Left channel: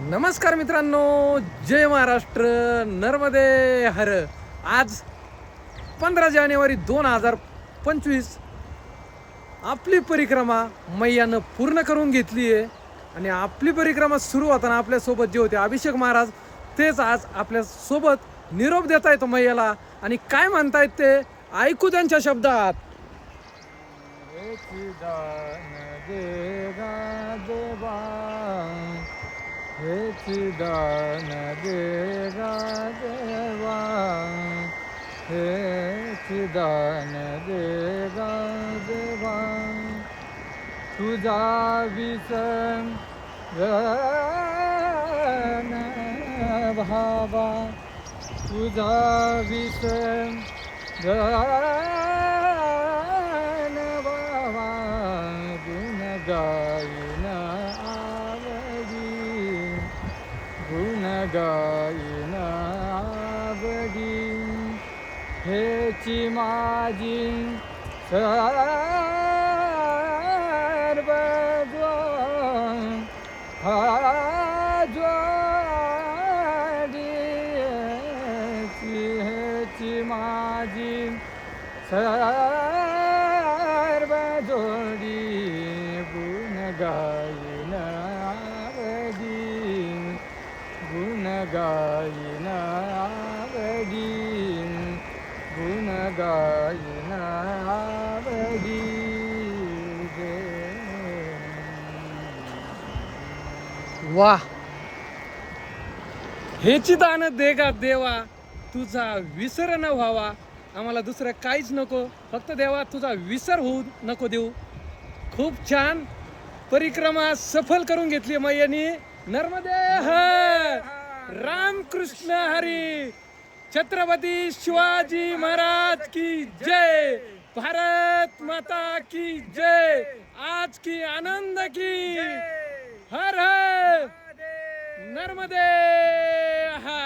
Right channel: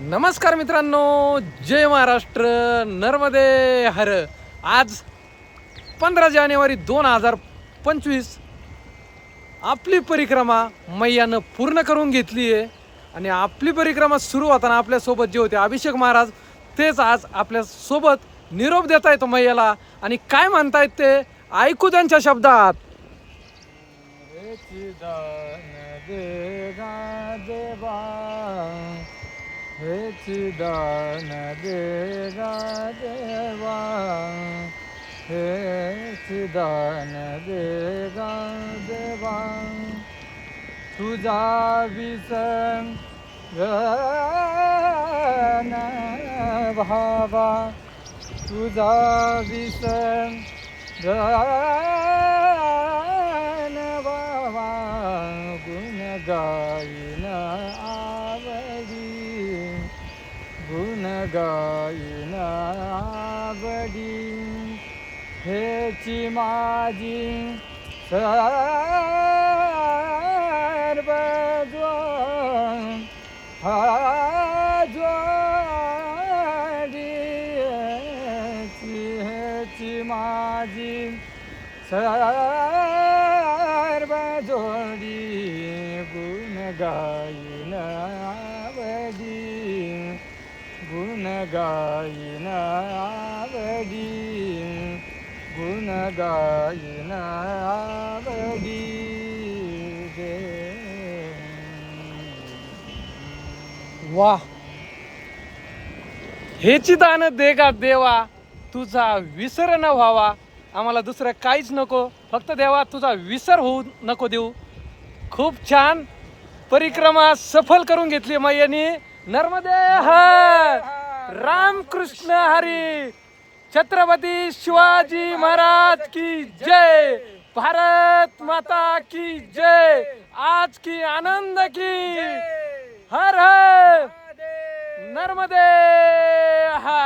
नमस्कार मित्रांनो, जय महाराष्ट्र, नर्मदे हर. आज 15 जानेवारी 2025 आपली परिक्रमा मैयानं पूर्ण करून घेतली आहे. आणि आपली परिक्रमा सुरू होताना आपल्यासोबत जे होते अभिषेक महाराज, तेच आज आपल्यासोबत निरोप देत आहेत मैयाला. आणि काय म्हणतायत ते ऐकू त्यांच्या शब्दात. हेच दान देगा देवा, हेच दान देगा देवा. तुझा विसंग भावा, तुझा विसंग भावा. गुण गायन गुण गायन आवडी, हेची माझी सर्व जोडी, हेची माझी सर्व जोडी. गुण गायन आवडी, गुण गायन आवडी, गुण गायन आवडी. वा, हेची दान देगा देवा, तुझा विसर न व्हावा. आम्हाला दुसरं काहीच नको, फक्त देवा तुझा विसर होऊ नको देऊ. खूप छान परिक्रमा सफल करून घेतली मैयानी. नर्मदे हर, रामकृष्ण हरी, छत्रपती शिवाजी महाराज की जय, भारत माता की जय, आज की आनंद की हर हर नर्मदे हर.